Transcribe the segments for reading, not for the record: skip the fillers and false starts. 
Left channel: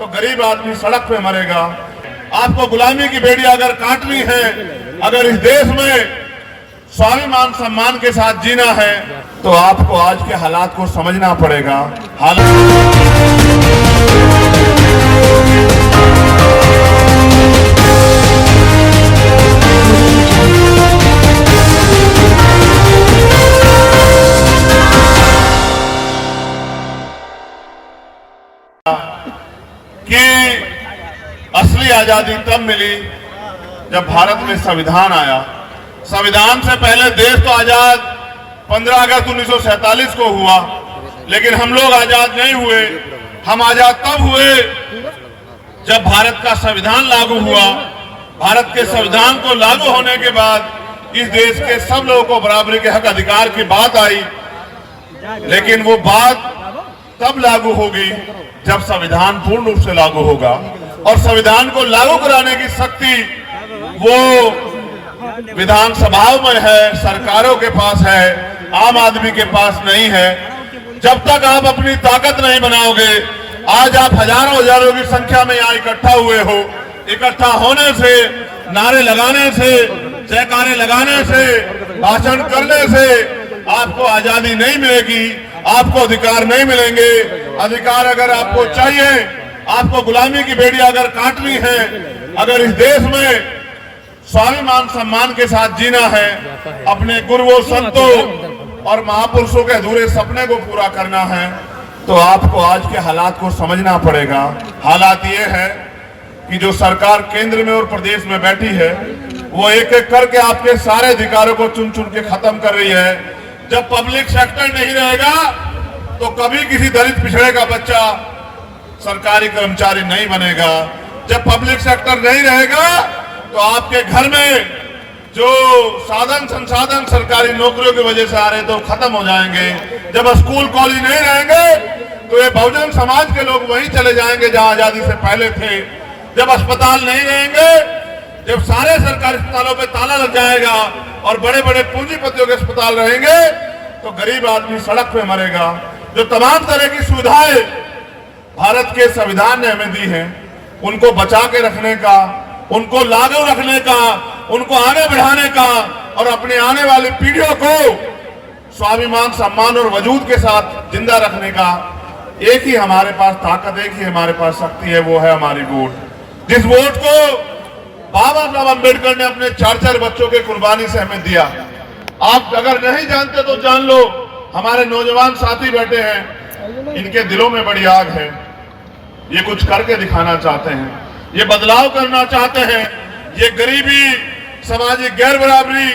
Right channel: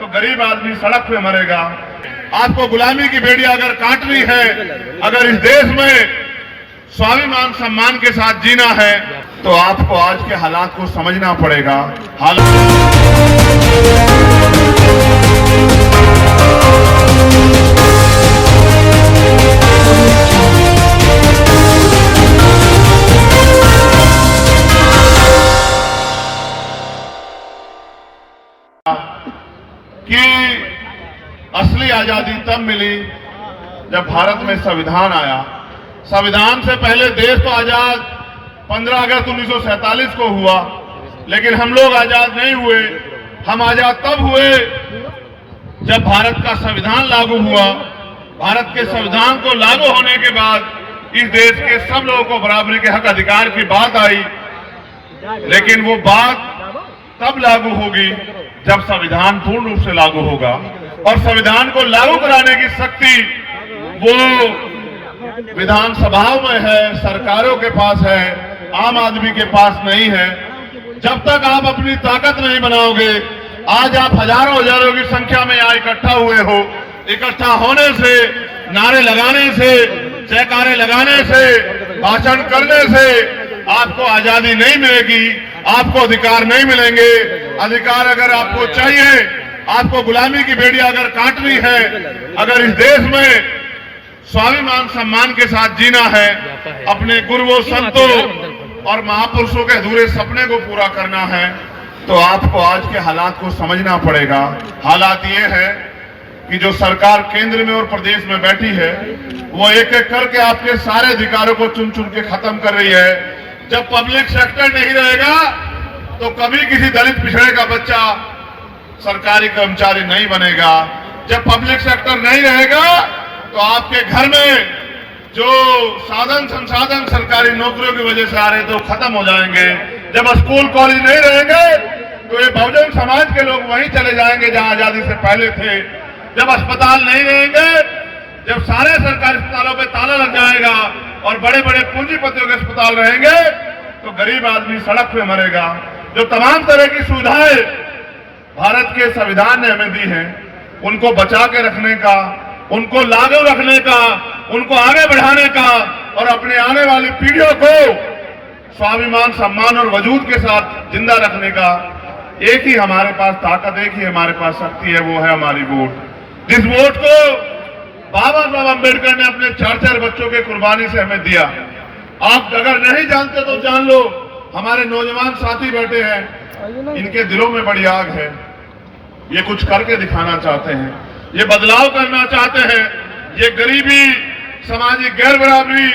तो गरीब आदमी सड़क पे मरेगा। आपको गुलामी की बेड़ी अगर काटनी है, अगर इस देश में स्वाभिमान सम्मान के साथ जीना है, तो आपको आज के हालात को समझना पड़ेगा। कि असली आजादी तब मिली जब भारत में संविधान आया। संविधान से पहले देश तो आजाद 15 अगस्त 1947 को हुआ, लेकिन हम लोग आजाद नहीं हुए। हम आजाद तब हुए जब भारत का संविधान लागू हुआ। भारत के संविधान को लागू होने के बाद इस देश के सब लोगों को बराबरी के हक अधिकार की बात आई, लेकिन वो बात तब लागू होगी जब संविधान पूर्ण रूप से लागू होगा। और संविधान को लागू कराने की शक्ति वो विधानसभाओं में है, सरकारों के पास है, आम आदमी के पास नहीं है। जब तक आप अपनी ताकत नहीं बनाओगे, आज आप हजारों की संख्या में यहाँ इकट्ठा हुए हो। इकट्ठा होने से, नारे लगाने से, जयकारे लगाने से, भाषण करने से आपको आजादी नहीं मिलेगी, आपको अधिकार नहीं मिलेंगे। अधिकार अगर आपको चाहिए, आपको गुलामी की बेड़ी अगर काटनी है, अगर इस देश में स्वाभिमान सम्मान के साथ जीना है, अपने गुरुओं, संतों और महापुरुषों के अधूरे सपने को पूरा करना है, तो आपको आज के हालात को समझना पड़ेगा। हालात ये है कि जो सरकार केंद्र में और प्रदेश में बैठी है, वो एक एक करके आपके सारे अधिकारों को चुन चुन के खत्म कर रही है। जब पब्लिक सेक्टर नहीं रहेगा तो कभी किसी दलित पिछड़े का बच्चा सरकारी कर्मचारी नहीं बनेगा। जब पब्लिक सेक्टर नहीं रहेगा तो आपके घर में जो साधन संसाधन सरकारी नौकरियों की वजह से आ रहे तो खत्म हो जाएंगे। जब स्कूल कॉलेज नहीं रहेंगे तो ये बहुजन समाज के लोग वहीं चले जाएंगे जहां आजादी से पहले थे। जब अस्पताल नहीं रहेंगे, जब सारे सरकारी अस्पतालों पे ताला लग जाएगा और बड़े बड़े पूंजीपतियों के अस्पताल रहेंगे, तो गरीब आदमी सड़क पे मरेगा। जो तमाम तरह की सुविधाएं भारत के संविधान ने हमें दी हैं, उनको बचा के रखने का, उनको लागू रखने का, उनको आगे बढ़ाने का और अपने आने वाली पीढ़ियों को स्वाभिमान सम्मान और वजूद के साथ जिंदा रखने का एक ही हमारे पास ताकत, एक ही हमारे पास शक्ति है, वो है हमारी वोट। जिस वोट को बाबा साहब अम्बेडकर ने अपने 4 बच्चों के कुर्बानी से हमें दिया। आप अगर नहीं जानते तो जान लो, हमारे नौजवान साथी बैठे हैं, इनके दिलों में बड़ी आग है। ये कुछ करके दिखाना चाहते हैं, ये बदलाव करना चाहते हैं, ये गरीबी, सामाजिक गैर बराबरी,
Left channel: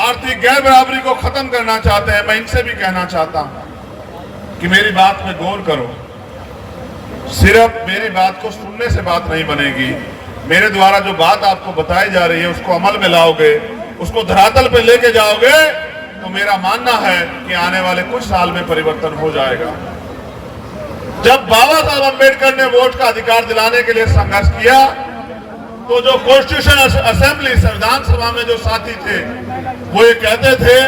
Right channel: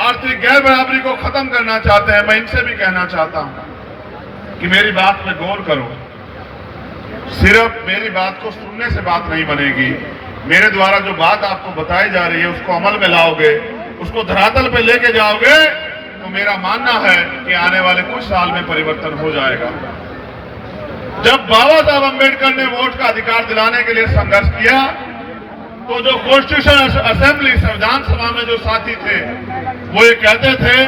आर्थिक गैर बराबरी को खत्म करना चाहते हैं। मैं इनसे भी कहना चाहता हूं कि मेरी बात पे गौर करो। सिर्फ मेरी बात को सुनने से बात नहीं बनेगी। मेरे द्वारा जो बात आपको बताई जा रही है उसको अमल में लाओगे, उसको धरातल पे लेके जाओगे, तो मेरा मानना है कि आने वाले कुछ साल में परिवर्तन हो जाएगा। जब बाबा साहब अम्बेडकर ने वोट का अधिकार दिलाने के लिए संघर्ष किया, तो जो कॉन्स्टिट्यूशन असेंबली, संविधान सभा में जो साथी थे, वो ये कहते थे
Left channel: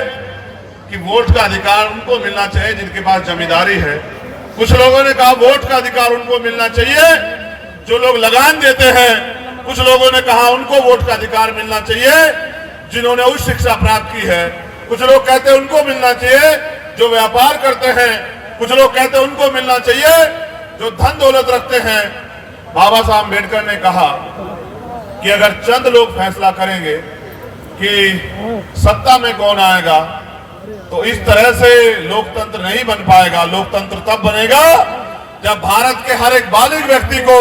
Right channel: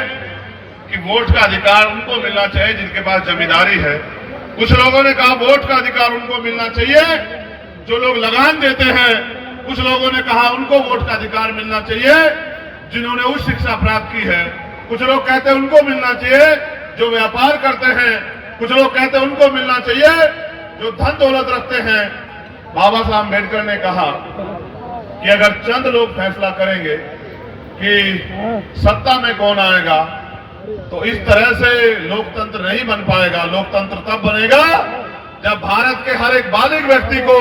कि वोट का अधिकार उनको मिलना चाहिए जिनके पास जमींदारी है। कुछ लोगों ने कहा वोट का अधिकार उनको मिलना चाहिए जो लोग लगान देते हैं। कुछ लोगों ने कहा उनको वोट का अधिकार मिलना चाहिए जिन्होंने उच्च शिक्षा प्राप्त की है। कुछ लोग कहते हैं उनको मिलना चाहिए जो व्यापार करते हैं। कुछ लोग कहते हैं उनको मिलना चाहिए जो धन दौलत रखते हैं। बाबा साहब अम्बेडकर ने कहा कि अगर चंद लोग फैसला करेंगे कि सत्ता में कौन आएगा, तो इस तरह से लोकतंत्र नहीं बन पाएगा। लोकतंत्र तब बनेगा जब भारत के हर एक बालिग व्यक्ति को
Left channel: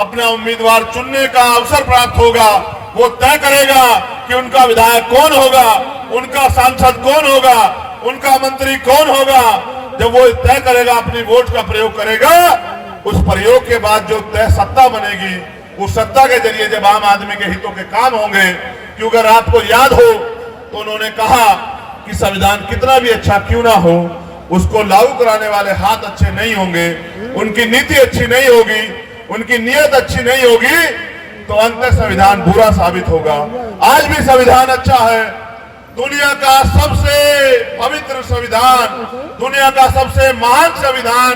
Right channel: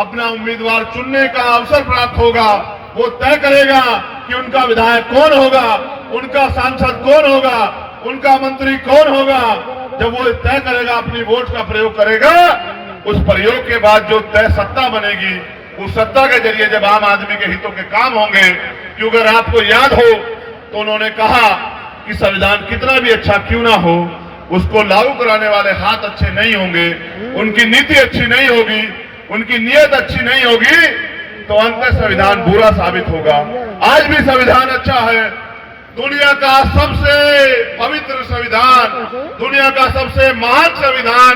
अपना उम्मीदवार चुनने का अवसर प्राप्त होगा। वो तय करेगा कि उनका विधायक कौन होगा, उनका सांसद कौन होगा, उनका मंत्री कौन होगा। जब वो तय करेगा, अपनी वोट का प्रयोग करेगा, उस प्रयोग के बाद जो तय सत्ता बनेगी, उस सत्ता के जरिए जब आम आदमी के हितों के काम होंगे। क्योंकि अगर आपको याद हो तो उन्होंने कहा कि संविधान कितना भी अच्छा क्यों ना हो, उसको लागू कराने वाले हाथ अच्छे नहीं होंगे, उनकी नीति अच्छी नहीं होगी, उनकी नीयत अच्छी नहीं होगी, तो अंत संविधान बुरा साबित होगा। आज भी संविधान अच्छा है, दुनिया का सबसे पवित्र संविधान, दुनिया का सबसे महान संविधान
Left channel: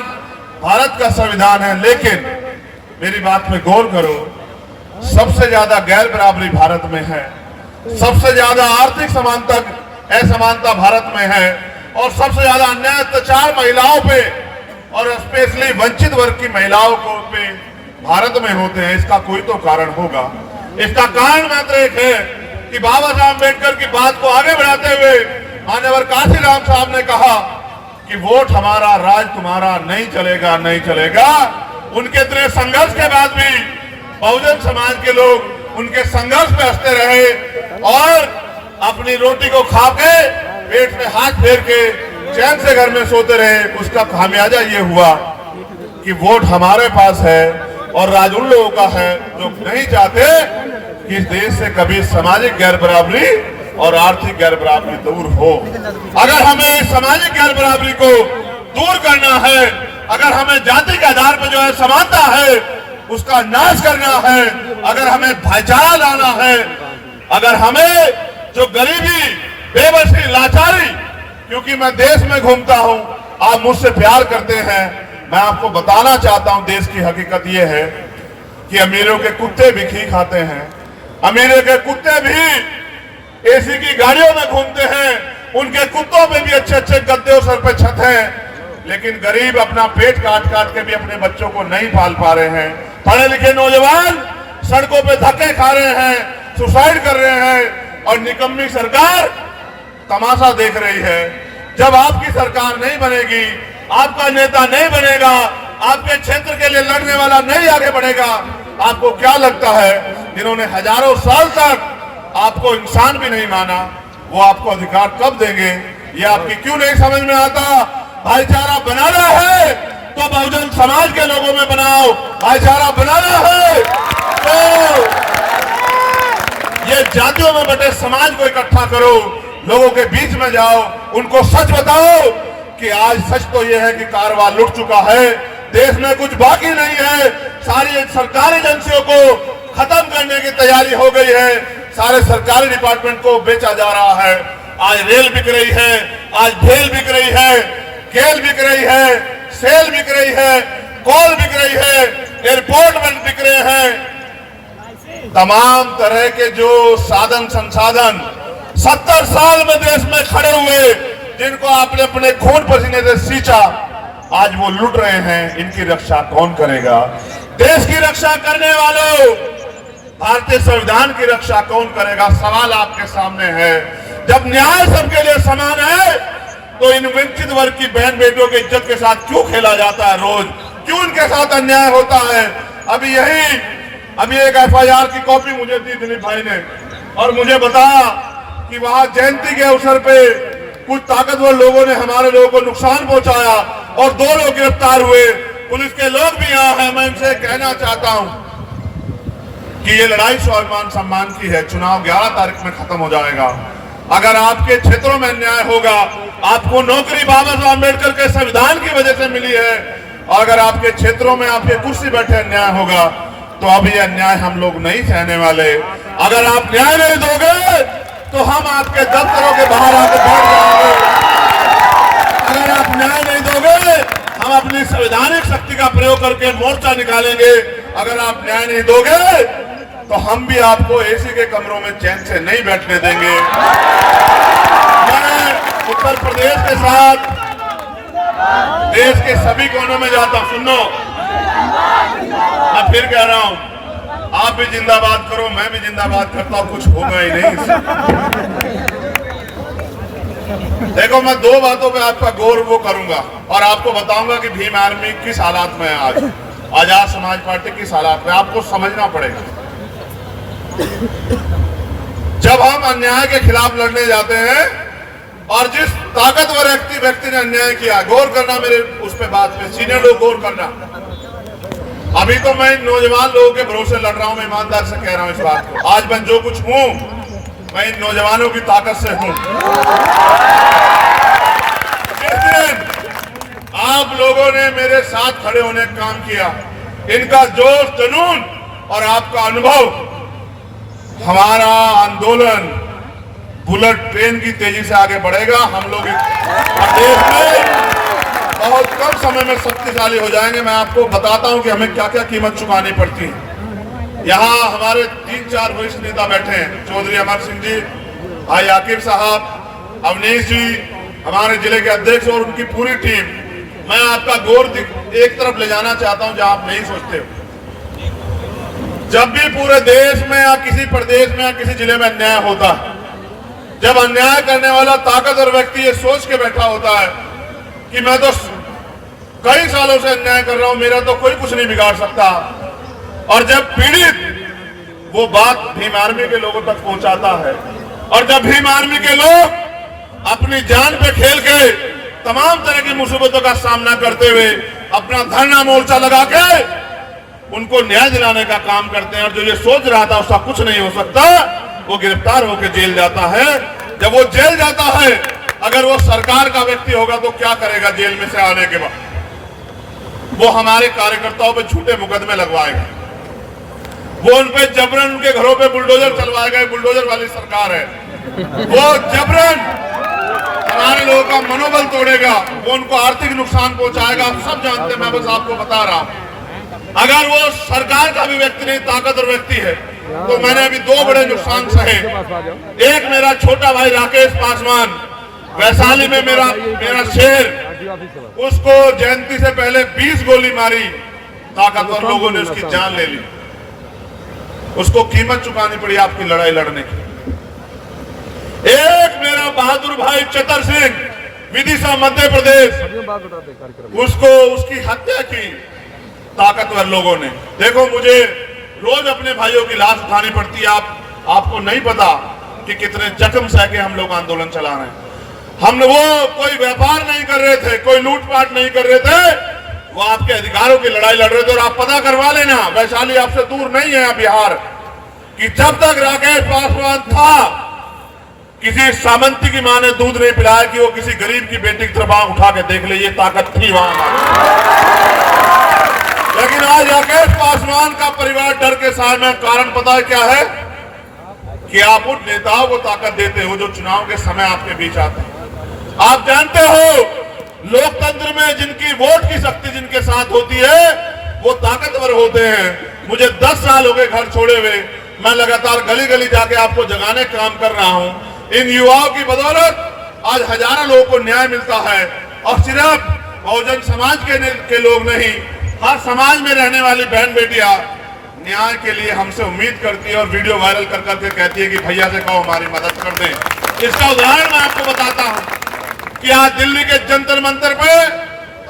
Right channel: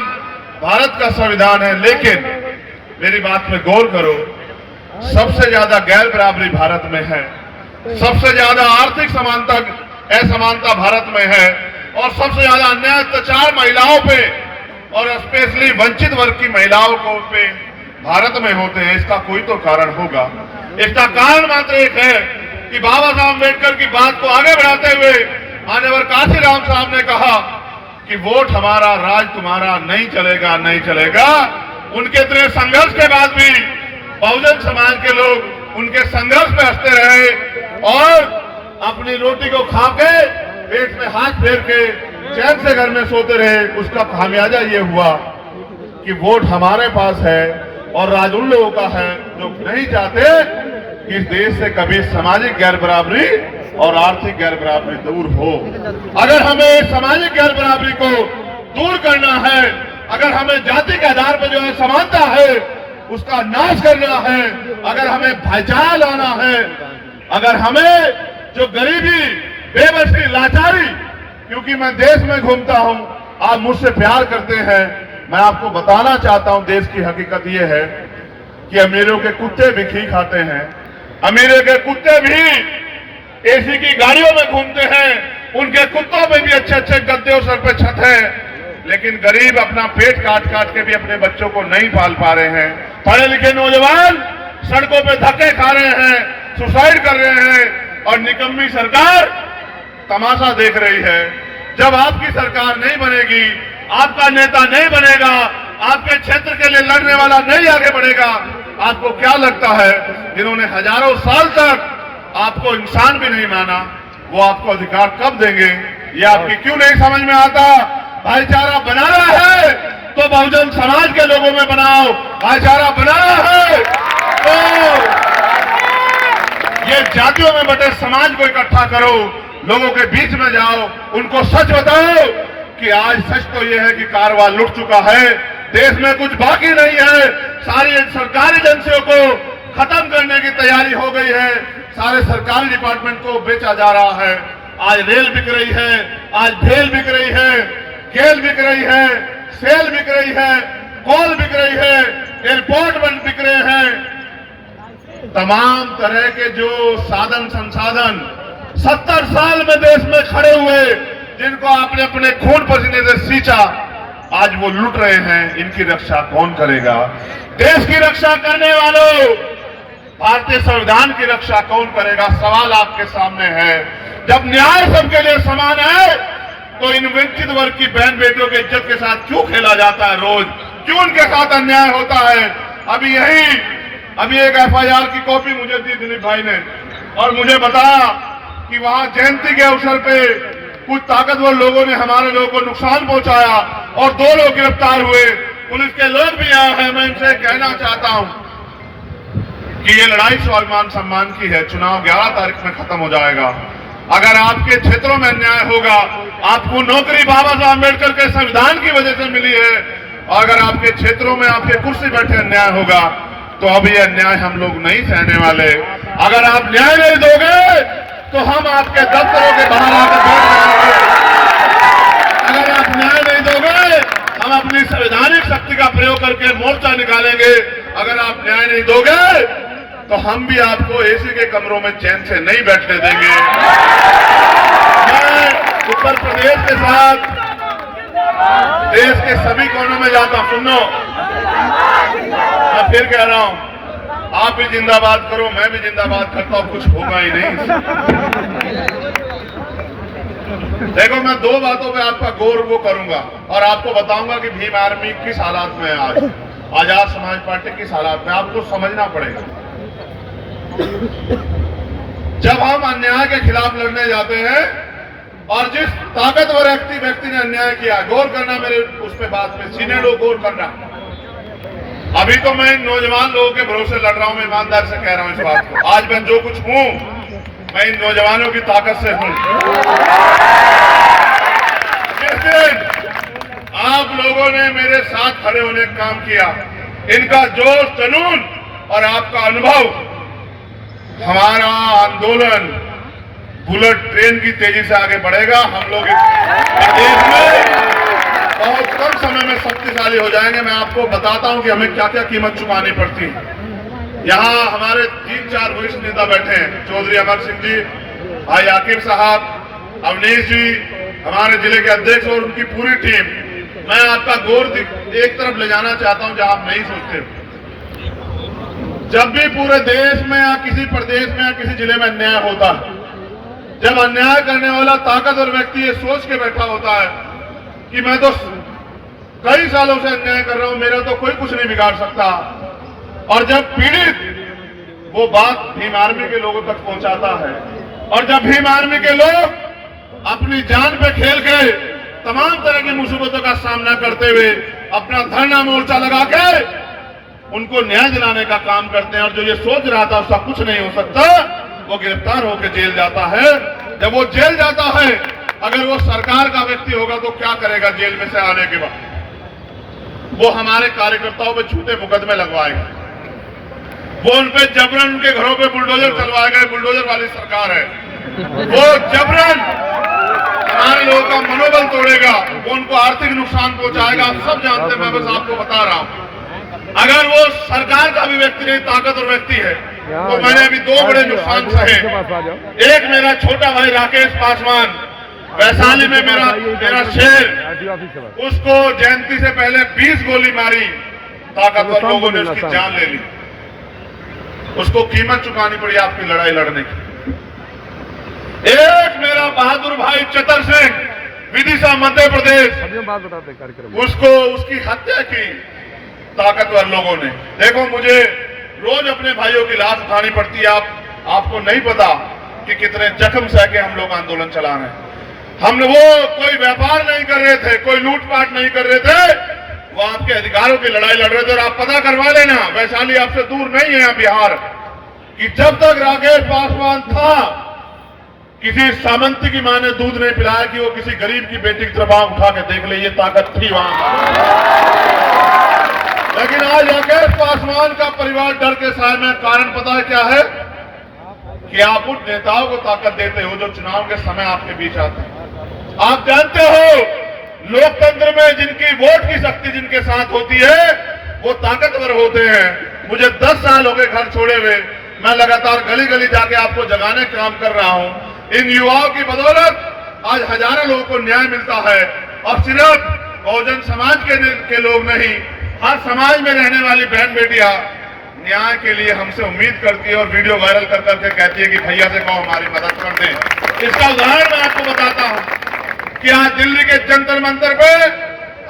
भारत का संविधान है। लेकिन मेरी बात में गौर करो, सबसे ज्यादा गैर बराबरी भारत में है, सबसे ज्यादा आर्थिक समानता असमानता भारत में है, और सबसे ज्यादा अन्याय अत्याचार महिलाओं पे और स्पेशली वंचित वर्ग की महिलाओं को पे भारत में होते हैं। इसका कोई तो कारण होगा। इसका कारण मात्र एक है कि बाबा साहब अम्बेडकर की बात को आगे बढ़ाते हुए मान्यवर काशीराम साहब ने कहा कि वोट हमारा, राज तुम्हारा, नहीं चलेगा, नहीं चलेगा। उनके इतने संघर्ष के बाद भी बहुजन समाज के लोग उनके संघर्ष पे हंसते रहे और अपनी रोटी को खा के पेट में हाथ फेर के चैन से घर में सोते रहे। उसका खामियाजा ये हुआ कि वोट हमारे पास है और राज उन लोगों का है जो नहीं चाहते कि इस देश से कभी सामाजिक गैर बराबरी और आर्थिक गैर बराबरी दूर हो। अगर हमें सामाजिक गैर बराबरी को दूर करना है, अगर हमें जाति के आधार पर जो है समानता है उसका नाश करना है, अगर हमें भाईचारा लाना है, अगर हमें जो गरीबी, बेबसी, लाचारी, क्योंकि मैं देश में घूमता हूं, आप मुझसे प्यार करते हैं, मैं आपको बताना चाहता हूं देश की हकीकत यह है कि अमीरों के कुत्ते भी घी खाते हैं, अमीरों के कुत्ते भी एसी की गाड़ियों में घूमते हैं, उनके कुत्तों में भी अच्छे अच्छे गद्दे और सर पे छत है, लेकिन गरीब अपना पेट काट काट के भी अपने बच्चों को नहीं पाल पा रहे हैं। पढ़े लिखे नौजवान सड़कों पे धक्के खा रहे हैं, सुसाइड कर रहे हैं और निकम्मी सरकार तमाशा देख रही है। जब आपकी सरकार नहीं बनेगी, आपका नेता नहीं बनेगा, आपके क्षेत्र के लिए लड़ने वाला नहीं आगे बढ़ेगा, आपको क्या लगता है जिन्होंने हजारों साल तक आपको इंसान भी नहीं माना, वो आपको अधिकार कब देंगे? ये आपकी क्यों नहीं समझ में आता? भाईचारा बनाना है तो बहुजन समाज के लोगों में बनाओ, भाईचारा बनाना है तो ये जातियों में बटे समाज को इकट्ठा करो, लोगों के बीच में जाओ, उनको सच बताओ कि आज सच तो यह है कि कारवां लुट चुका है, देश में कुछ बाकी नहीं है, सारी सरकारी एजेंसियों को खत्म करने की तैयारी हो गई है, सारे सरकारी डिपार्टमेंट को बेचा जा रहा है। आज रेल बिक रही है, आज भेल बिक रही है, केल बिक रही है, सेल बिक रही है, कोल बिक रही है, एयरपोर्ट बंद बिक रहे हैं। तमाम तरह के जो साधन संसाधन 70 साल में देश में खड़े हुए, जिनको आपने अपने खून पसीने से सींचा, आज वो लुट रहे हैं। इनकी रक्षा कौन करेगा? देश की रक्षा करने वालों, भारतीय संविधान की रक्षा कौन करेगा? सवाल आपके सामने है। जब न्याय सबके लिए समान है तो इन वंचित वर्ग की बहन बेटियों की इज्जत के साथ क्यों खेला जाता है? रोज क्यों उनके साथ अन्याय होता है? अभी एक FIR की कॉपी मुझे दी दिलीप भाई ने और मुझे बताया कि वहां जयंती के अवसर पे कुछ ताकतवर लोगों ने हमारे लोगों को नुकसान पहुंचाया और 2 लोग गिरफ्तार हुए। पुलिस के लोग भी यहाँ हैं। मैं इनसे कहना चाहता हूं कि ये लड़ाई स्वाभिमान सम्मान की है। चुनाव 11 तारीख में खत्म हो जाएगा। अगर आपके क्षेत्रों में अन्याय होगा, आपको नौकरी बाबा साहब अम्बेडकर के संविधान की वजह से मिली है, और अगर आपके क्षेत्रों में आपके कुर्सी बैठे अन्याय होगा तो अब ये अन्याय हम लोग नहीं सहने वाले। अगर आप न्याय नहीं दोगे तो हम आपके दफ्तरों के बाहर आकर बैठ जाएंगे। अगर आप न्याय नहीं दोगे, हम अपनी संवैधानिक शक्ति का प्रयोग करके मोर्चा निकालेंगे। अगर आप न्याय नहीं दोगे तो हम भी आपको एसी के कमरों में चैन से नहीं बैठने देंगे। मैं उत्तर प्रदेश के साथ देश के सभी कोनों में जाता हूं। सुनो, मैं फिर कह रहा हूं, आप भी जिंदाबाद करो, मैं भी जिंदाबाद करता हूं, कुछ होगा ही नहीं। देखो, मैं 2 बातों पे आपका गौर वो करूंगा और आपको बताऊंगा कि भीम आर्मी किस हालात में है आज, आजाद समाज पार्टी किस हालात में, आपको समझना पड़ेगा। जब हम अन्याय के खिलाफ लड़ने जाते हैं और जिस ताकतवर व्यक्ति ने अन्याय किया, गौर करना मेरे उस पे बात में, सीने लोग गौर करना। अभी तो मैं इन नौजवान लोगों के भरोसे लड़ रहा हूं, मैं ईमानदार से कह रहा हूं इस बात को। आज मैं जो कुछ हूं, मैं इन नौजवानों की ताकत से हूं। जिस दिन आप लोगों ने मेरे साथ खड़े होने का काम किया, इनका जोश, जुनून और आपका अनुभव, हमारा आंदोलन बुलेट ट्रेन की तेजी से आगे बढ़ेगा। हम लोग देश में बहुत कम समय में शक्तिशाली हो जाएंगे। मैं आपको बताता हूं कि हमें क्या क्या कीमत चुकानी पड़ती है। यहाँ हमारे 3-4 वरिष्ठ नेता बैठे हैं, चौधरी अमर सिंह जी, भाई आकिब साहब, अवनीश जी, हमारे जिले के अध्यक्ष और उनकी पूरी टीम। मैं आपका गौर एक तरफ ले जाना चाहता हूं जहां आप नहीं सोचते। जब भी पूरे देश में या किसी प्रदेश में या किसी जिले में अन्याय होता है, जब अन्याय करने वाला ताकतवर व्यक्ति ये सोच के बैठा होता है कि मैं तो कई सालों से अन्याय कर रहा हूं, मेरा तो कोई कुछ नहीं बिगाड़ सकता, और जब पीड़ित वो बात भीम आर्मी के लोगों तक पहुंचाता है, और जब भीम आर्मी के लोग अपनी जान पे खेल के तमाम तरह की मुसीबतों का सामना करते हुए अपना धरना मोर्चा लगा के उनको न्याय दिलाने का काम करते हैं, और जो ये सोच रहा था उसका कुछ नहीं हो सकता, वो गिरफ्तार होकर जेल जाता है। जब वो जेल जाता है, अगर वो सरकार का व्यक्ति होगा तो क्या करेगा? जेल में से आने के बाद वो हमारे कार्यकर्ताओं पे झूठे मुकदमे लगवाएगा, वो उनपे जबरन उनके घरों पे बुलडोजर चलवाएगा। बुलडोजर वाली सरकार है, वो जबरन हमारे लोगों का मनोबल तोड़ेगा, वो उनको आर्थिक नुकसान पहुंचाएगा। आप सब जानते हैं, मैं बस आपको बता रहा हूं। अगर वो सरकार का भी व्यक्ति नहीं, ताकतवर व्यक्ति है, तो मैंने अभी 2 बड़े नुकसान सहे। एक, मेरा छोटा भाई राकेश पासवान, वैशाली में मेरा शेर, उसको जयंती से पहले 20 गोली मारी, ताकतवर लोगों ने उसकी जान ले ली। उसको कीमत चुकानी पड़ी आपकी लड़ाई लड़ने की। एक, मेरा बहादुर भाई चतर सिंह, विदिशा मध्य प्रदेश, उसको उसकी हत्या की ताकतवर लोगों ने। देखो, मुझे रोज अपने भाइयों की लाश उठानी पड़ती है। आपको नहीं पता कि कितने जख्म सह के हम लोग आंदोलन चला रहे हैं। हम वो कोई व्यापार नहीं कर रहे थे, कोई लूटपाट नहीं कर रहे थे, वो आपके अधिकारों की लड़ाई लड़ रहे थे। और आप पता करवा लेना, वैशाली आपसे दूर नहीं है बिहार, कि जब तक राकेश पासवान था, किसी सामंती की मां ने दूध नहीं पिलाया कि वो किसी गरीब की बेटी की तरफ आंख उठा के देख ले, ये ताकत थी वहां। लेकिन आज राकेश पासवान का परिवार डर के साए में, कारण पता है क्या है? कि आप उन नेताओं को ताकत देते हो जो चुनाव के समय आपके बीच आते हैं। आप जानते हो, लोकतंत्र में जिनकी वोट की शक्ति जिनके साथ होती है, वो ताकतवर होते हैं। मुझे 10 साल हो गए घर छोड़े हुए, मैं लगातार गली गली जाके आपको जगाने का काम कर रहा हूं। इन युवाओं की बदौलत आज हजारों लोगों को न्याय मिलता है, और सिर्फ बहुजन समाज के लोग नहीं, हर समाज में रहने वाली बहन बेटियां न्याय के लिए हमसे उम्मीद करती है, और वीडियो वायरल कर करके कहती है कि भैया से कहो हमारी मदद कर दें। इसका उदाहरण मैं आपको बताता हूं कि आज दिल्ली के जंतर मंतर पे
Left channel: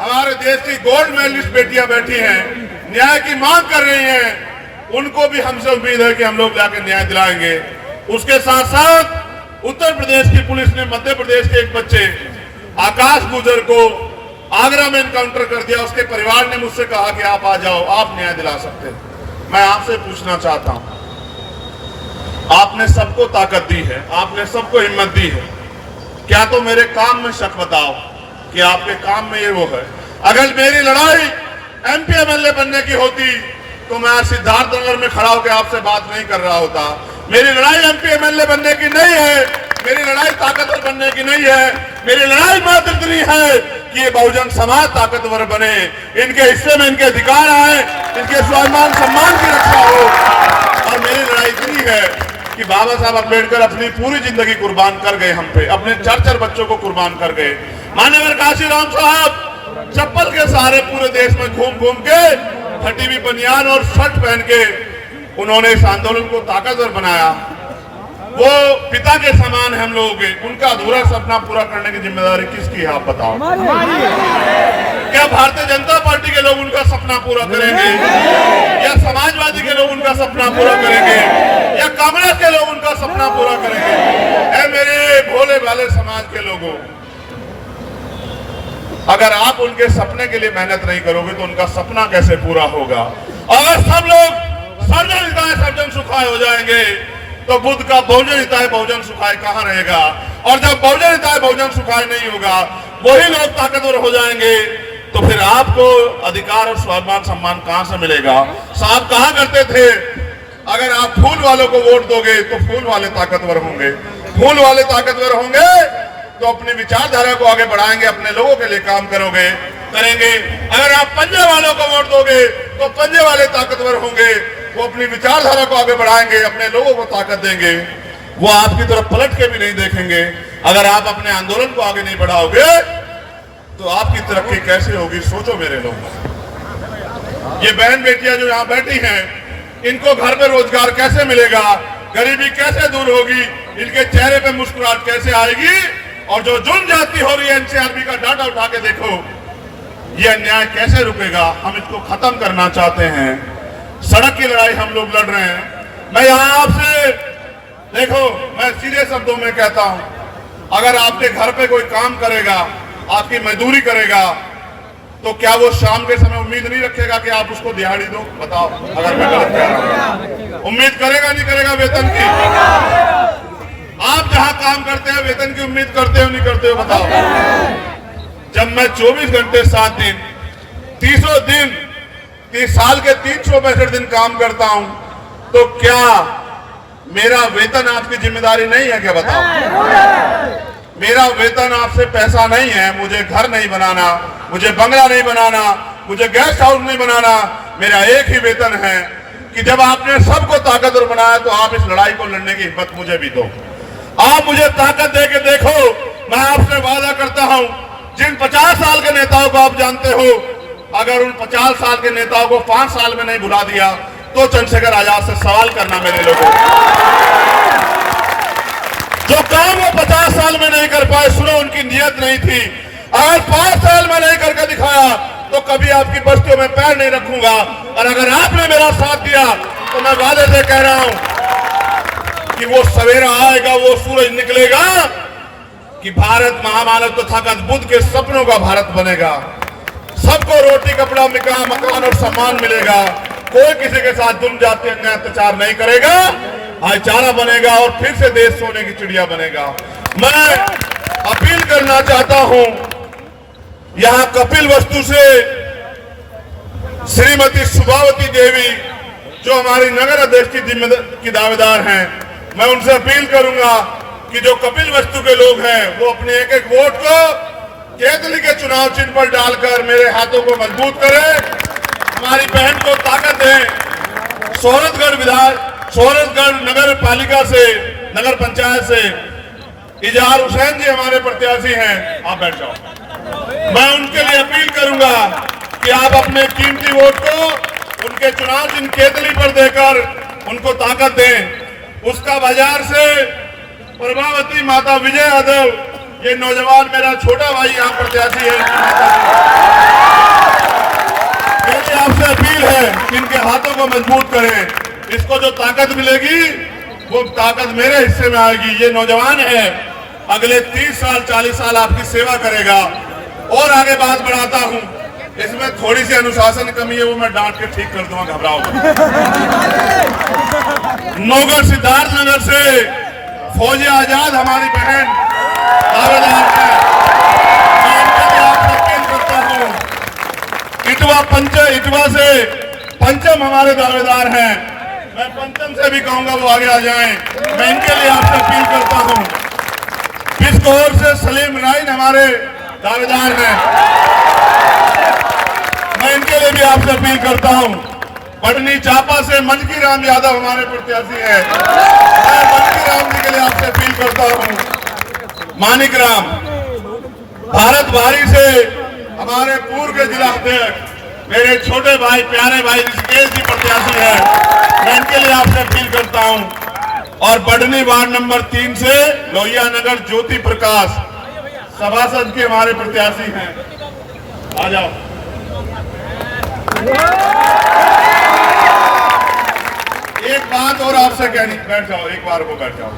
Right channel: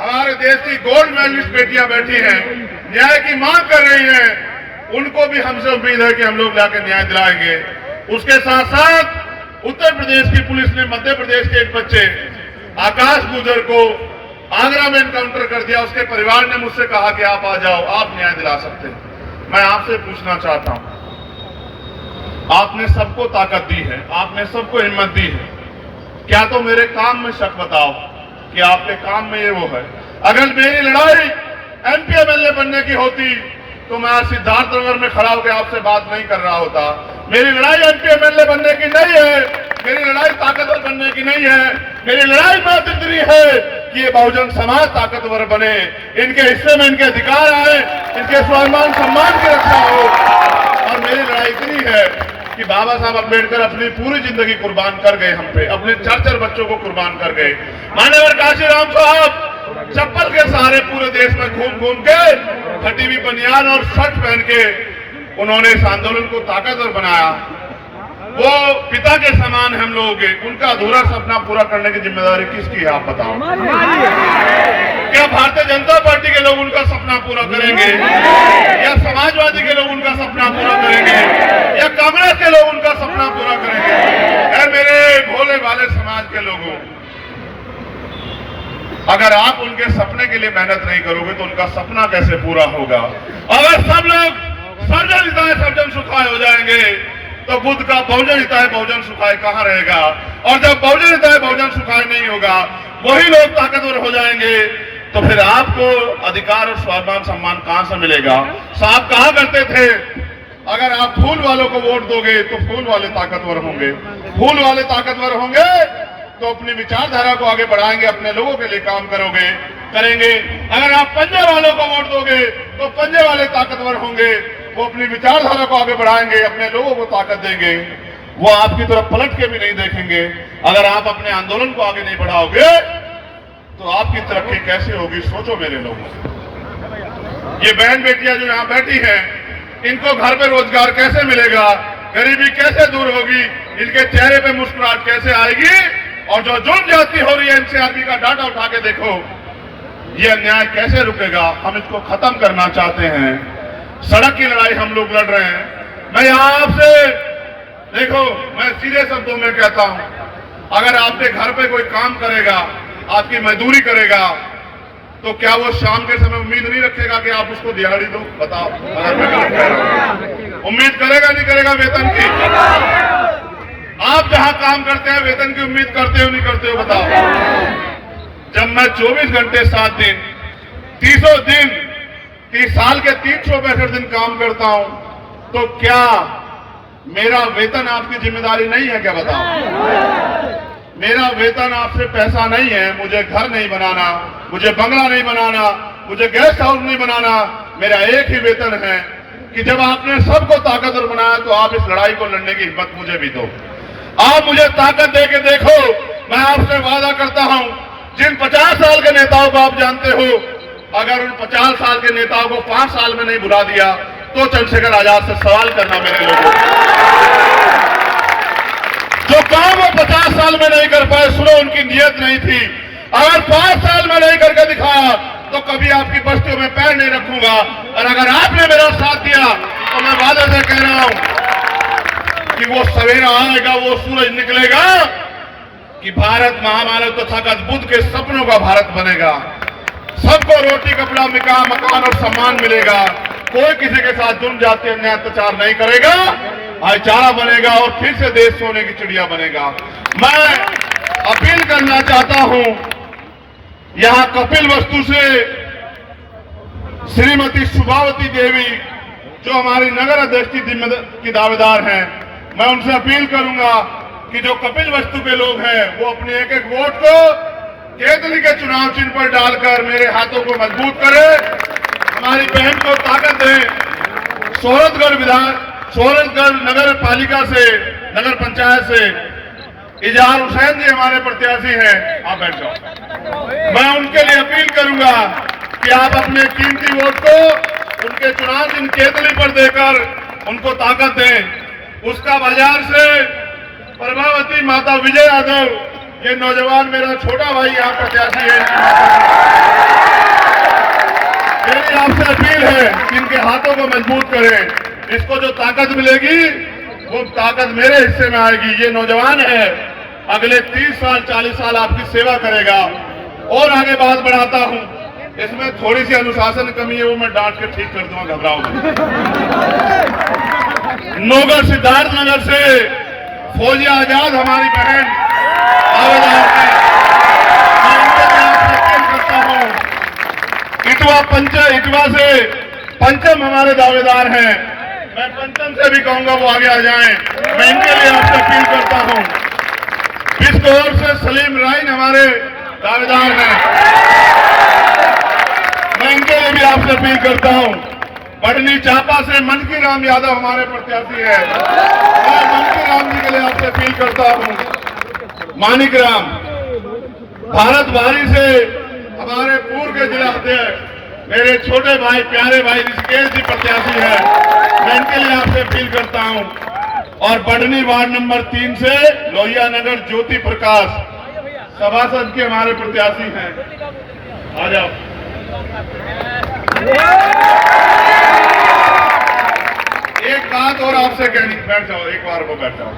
हमारे देश की गोल्ड मेडलिस्ट बेटियां बैठी हैं, न्याय की मांग कर रही हैं। उनको भी हमसे उम्मीद है कि हम लोग जाकर न्याय दिलाएंगे। उसके साथ साथ उत्तर प्रदेश की पुलिस ने मध्य प्रदेश के एक बच्चे आकाश गुजर को आगरा में एनकाउंटर कर दिया। उसके परिवार ने मुझसे कहा कि आप आ जाओ, आप न्याय दिला सकते हैं। मैं आपसे पूछना चाहता हूं, आपने सबको ताकत दी है, आपने सबको हिम्मत दी है, क्या तो मेरे काम में शक बताओ कि आपके काम में ये वो है। अगर मेरी लड़ाई MP MLA बनने की होती तो मैं आज सिद्धार्थनगर में खड़ा होकर आपसे बात नहीं कर रहा होता। मेरी लड़ाई MP MLA बनने की नहीं है, मेरी लड़ाई ताकतवर बनने की नहीं है। मेरी लड़ाई मात्र इतनी है कि ये बहुजन समाज ताकतवर बने, इनके हिस्से में इनके अधिकार आए, इनके स्वाभिमान सम्मान की रक्षा हो। और मेरी लड़ाई इतनी है कि बाबा साहब अम्बेडकर अपनी पूरी जिंदगी कुर्बान कर गए हम पे, अपने 4 बच्चों को कुर्बान कर गए। माननीय काशीराम साहब चप्पल के सहारे पूरे देश में घूम घूम के फटी हुई बनियान और शर्ट पहन के उन्होंने इस आंदोलन को ताकतवर बनाया। वो पिता के समान हम लोगों के, उनका अधूरा सपना पूरा करने की जिम्मेदारी किसकी है आप बताओ? क्या भारतीय जनता पार्टी के लोग उनका सपना पूरा करेंगे, या समाजवादी के लोग उनका सपना पूरा करेंगे, या कांग्रेस के लोग उनका सपना पूरा करेंगे? ऐ मेरे भोले भाले समाज के लोगों, अगर आप उनके सपने के लिए मेहनत नहीं करोगे तो उनका सपना कैसे पूरा होगा? अगर सब लोग सर्जन हिताय सर्जन सुखाय हो जाएंगे तो बुद्ध का बहुजन हिताय बहुजन सुखाय कहां रहेगा? और जब बहुजन हिताय बहुजन सुखाय नहीं होगा, वही लोग ताकतवर हो जाएंगे, तो फिर आपको अधिकार और स्वाभिमान सम्मान कहां से मिलेगा? साहब कहा करते थे, अगर आप फूल वालों को वोट दोगे तो फूल वाले ताकतवर होंगे, फूल वाले ताकतवर होंगे तो अपनी विचारधारा को आगे बढ़ाएंगे, अपने लोगों के लिए काम करोगे। करेंगे। अगर आप पंजे वालों को वोट दोगे तो पंजे वाले ताकतवर होंगे, वो अपनी विचारधारा को आगे बढ़ाएंगे, अपने लोगों को ताकत देंगे, वो आपकी तरफ पलट के भी नहीं देखेंगे। अगर आप अपने आंदोलन को आगे नहीं बढ़ाओगे तो आपकी तरक्की कैसे होगी, सोचो मेरे लोग। ये बहन बेटियां जो यहाँ बैठी हैं, इनको घर पे रोजगार कैसे मिलेगा, गरीबी कैसे दूर होगी, इनके चेहरे पे मुस्कुराहट कैसे आएगी? और जो जुर्म ज्यादती हो रही है, एनसीआरबी का डाटा उठा के देखो, ये अन्याय कैसे रुकेगा? हम इसको खत्म करना चाहते हैं। सड़क की लड़ाई हम लोग लड़ रहे हैं। मैं यहाँ आपसे देखो, मैं सीधे शब्दों में कहता हूं, अगर आपके घर पे कोई काम करेगा, आपकी मजदूरी करेगा, तो क्या वो शाम के समय उम्मीद नहीं रखेगा कि आप उसको दिहाड़ी दो? बताओ, अगर मैं गलत कह रहा हूं। उम्मीद करेगा नहीं करेगा वेतन की? आप जहां काम करते हैं वेतन की उम्मीद करते हो नहीं करते हो? बताओ। जब मैं 24 घंटे 7 दिन 300 दिन 30 साल के 365 दिन काम करता हूं, तो क्या मेरा वेतन आपकी जिम्मेदारी नहीं है क्या? बताओ। मेरा वेतन आपसे पैसा नहीं है, मुझे घर नहीं बनाना, मुझे बंगला नहीं बनाना, मुझे गेस्ट हाउस नहीं बनाना। मेरा एक ही वेतन है कि जब आपने सबको ताकतवर बनाया तो आप इस लड़ाई को लड़ने की हिम्मत मुझे भी दो। आप मुझे ताकत दे के देखो। मैं आपसे वादा करता हूं, जिन 50 साल के नेताओं को आप जानते हो, अगर उन 50 साल के नेताओं को 5 साल में नहीं बुला दिया तो चंद्रशेखर आजाद से सवाल करना मेरे लोगों। जो काम वो 50 साल में नहीं कर पाए, सुनो, उनकी नियत नहीं थी। अगर 5 साल में नहीं करके दिखाया तो कभी आपकी बस्तियों में पैर नहीं रखूंगा। और अगर आपने मेरा साथ दिया तो मैं वादे से कह रहा हूं कि वो सवेरा आएगा, वो सूरज निकलेगा कि भारत महामानव तथागत बुद्ध के सपनों का भारत बनेगा। सबको रोटी, कपड़ा, मकान और सम्मान मिलेगा। कोई किसी के साथ जुर्म जाति अन्याय अत्याचार नहीं करेगा, भाईचारा बनेगा और फिर से देश सोने की चिड़िया बनेगा। मैं अपील करना चाहता हूं, यहां कपिलवस्तु से श्रीमती सुभावती देवी जो हमारी नगर अध्यक्ष की दावेदार हैं, मैं उनसे अपील करूंगा कि जो कपिलवस्तु के लोग हैं वो अपने एक एक वोट को केतली के चुनाव चिन्ह पर डालकर मेरे हाथों को मजबूत करें, हमारी बहन को ताकत दें। सोहरतगढ़ नगर पालिका से, नगर पंचायत से इजहार हुसैन जी हमारे प्रत्याशी हैं, आप बैठ जाओ। मैं उनके लिए अपील करूंगा कि आप अपने कीमती वोट को उनके चुनाव चिन्ह केतली पर देकर उनको ताकत दें। उसका बाजार से प्रभावती माता विजय यादव, ये नौजवान मेरा छोटा भाई यहाँ प्रत्याशी है, मेरी आपसे अपील है कि इनके हाथों को मजबूत करें। इसको जो ताकत मिलेगी वो ताकत मेरे हिस्से में आएगी। ये नौजवान है, अगले 30 साल 40 साल आपकी सेवा करेगा। और आगे बात बढ़ाता हूं, इसमें थोड़ी सी अनुशासन कमी है, वो मैं डांट के ठीक कर दूंगा, घबराओ। नौगढ़ सिद्धार्थ नगर से फौजिया आजाद हमारी बहन दावेदार है, मैं इनके लिए आपसे अपील करता हूं। इटवा से पंचम हमारे दावेदार हैं, मैं पंचम से भी कहूंगा वो आगे आ जाएं। मैं इनके लिए आपसे अपील करता हूं। बिस्कोर से सलीम राइन हमारे दावेदार हैं, मैं इनके लिए भी आपसे अपील करता हूं। बढ़नी चापा से मनकी राम यादव हमारे प्रत्याशी हैं, मैं मनकी राम जी के लिए आपसे अपील करता हूं। मानिक राम भारत भारी से हमारे पूर्व के जिला अध्यक्ष मेरे छोटे भाई, प्यारे भाई ऋषिकेश जी प्रत्याशी हैं, मैं इनके लिए आपसे अपील करता हूं। और बढ़नी वार्ड नंबर 3 से लोहिया नगर ज्योति प्रकाश सभासद के हमारे प्रत्याशी हैं, आ जाओ। एक बात और आपसे कहनी, बैठ जाओ, एक बार को बैठ जाओ।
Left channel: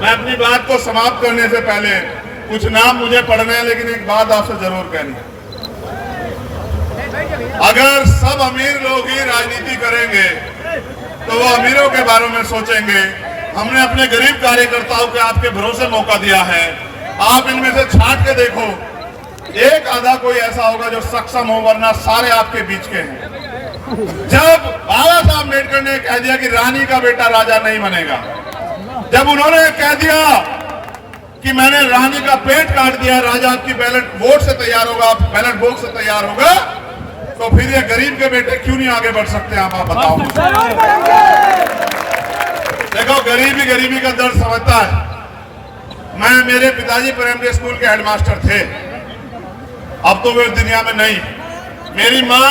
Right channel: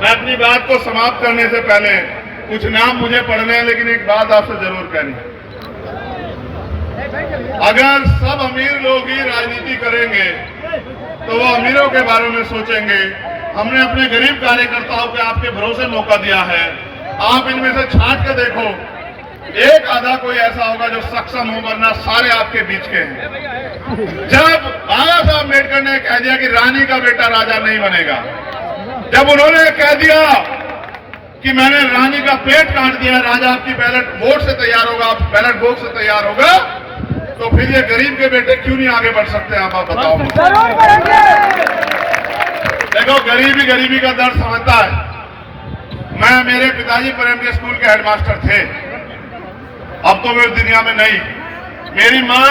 मैं अपनी बात को समाप्त करने से पहले, कुछ नाम मुझे पढ़ने हैं लेकिन एक बात आपसे जरूर कहनी है। अगर सब अमीर लोग ही राजनीति करेंगे तो वो अमीरों के बारे में सोचेंगे। हमने अपने गरीब कार्यकर्ताओं को आपके भरोसे मौका दिया है, आप इनमें से छांट के देखो, एक आधा कोई ऐसा होगा जो सक्षम हो, वरना सारे आपके बीच के हैं। जब बाबा साहब अम्बेडकर ने कह दिया कि रानी का बेटा राजा नहीं बनेगा, जब उन्होंने कह दिया कि मैंने रानी का पेट काट दिया, राजा आपकी बैलेट वोट से तैयार होगा, बैलेट बॉक्स से तैयार होगा, तो फिर ये गरीब के बेटे क्यों नहीं आगे बढ़ सकते? आप बताओ। देखो, गरीबी गरीबी का दर्द समझता है। मेरे पिताजी प्राइमरी स्कूल के हेडमास्टर थे, अब तो वे दुनिया में नहीं। मेरी माँ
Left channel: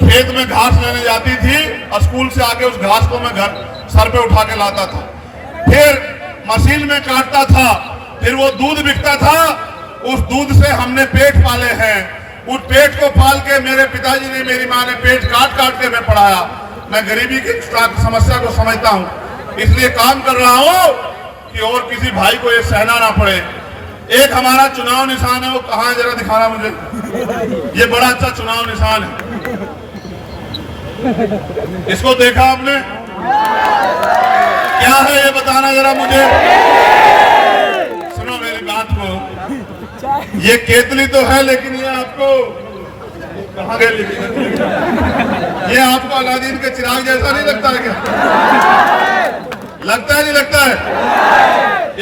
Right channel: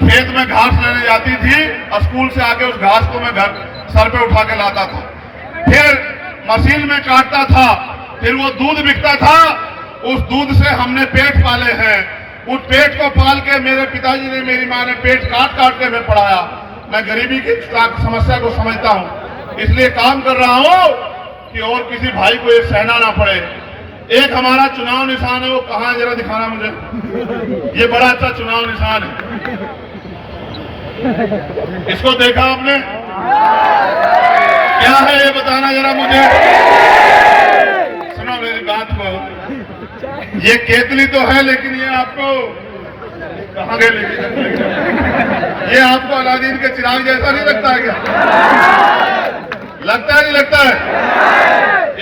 खेत में घास लेने जाती थी और स्कूल से आके उस घास को मैं घर सर पे उठा के लाता था, फिर मशीन में काटता था, फिर वो दूध बिकता था, उस दूध से हमने पेट पाले हैं। उस पेट को पाल के मेरे पिताजी ने, मेरी माँ ने पेट काट काट के मैं पढ़ाया। मैं गरीबी की समस्या को समझता हूँ, इसलिए काम कर रहा हूँ कि और किसी भाई को ये सहना ना पड़े। एक हमारा चुनाव निशान है, वो कहाँ है जरा दिखाना मुझे। ये बड़ा अच्छा चुनाव निशान है, इसको देखा आपने? क्या है ये बताना जरा मुझे। सुनो मेरी बात को, ये केतली तो है लेकिन ये आपको कहाँ गए, लेकिन ये आपको अलादीन के चिराग जैसा नहीं लगता है क्या? लगता है नहीं लगता है?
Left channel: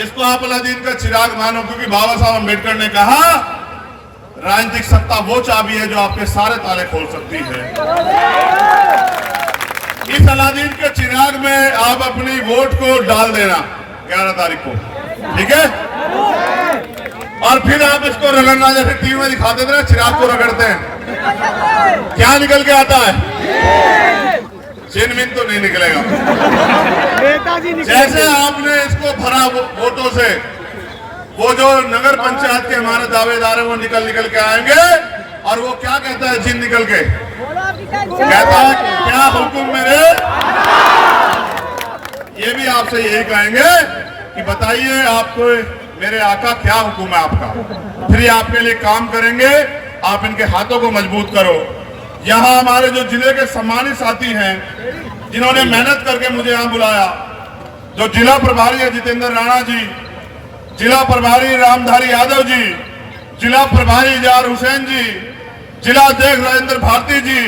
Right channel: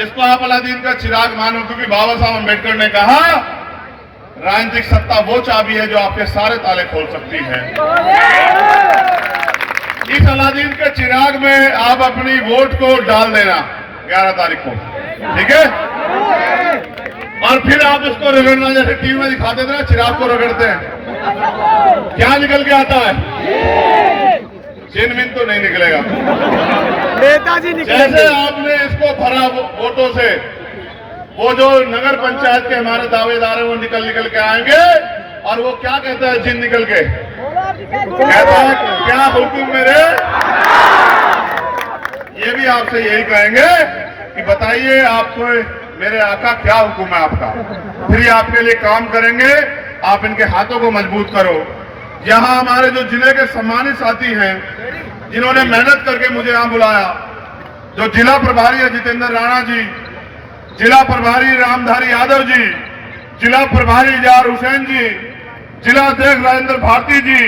इसको आप अलादीन का चिराग मानो, क्योंकि बाबा साहब अम्बेडकर ने कहा राजनीतिक सत्ता वो चाबी है जो आपके सारे ताले खोल सकती है। इस अलादीन के चिराग में आप अपनी वोट को डाल देना 11 तारीख को, ठीक है? और फिर आप इसको रगड़ना, जैसे टीवी में दिखा देते हैं चिराग को रगड़ते हैं, क्या निकल के आता है? चिन्ह तो नहीं निकलेगा। जैसे आपने इसको भरा वोटों से, वो जो नगर पंचायत के हमारे दावेदार है वो निकल के आएंगे, और वो क्या कहता है चिन्ह निकल के? कहता है क्या हुक्म मेरे। ये भी आपसे यही कहेंगे कि बताइए आपको मेरे आका क्या हुक्म है आपका, फिर ये आपके लिए काम करेंगे। आप इनके हाथों को मजबूत करो। यहाँ हमारे जो जिले के सम्मानित साथी हैं, जिन्होंने मेहनत करके मुझे यहाँ बुलाया, जो जिला प्रभारी है जितेंद्र राणा जी, जिला प्रभारी रामधारी यादव जी, जिला प्रभारी इजहार हुसैन जी, जिला अध्यक्ष राजेंद्र भारती जी,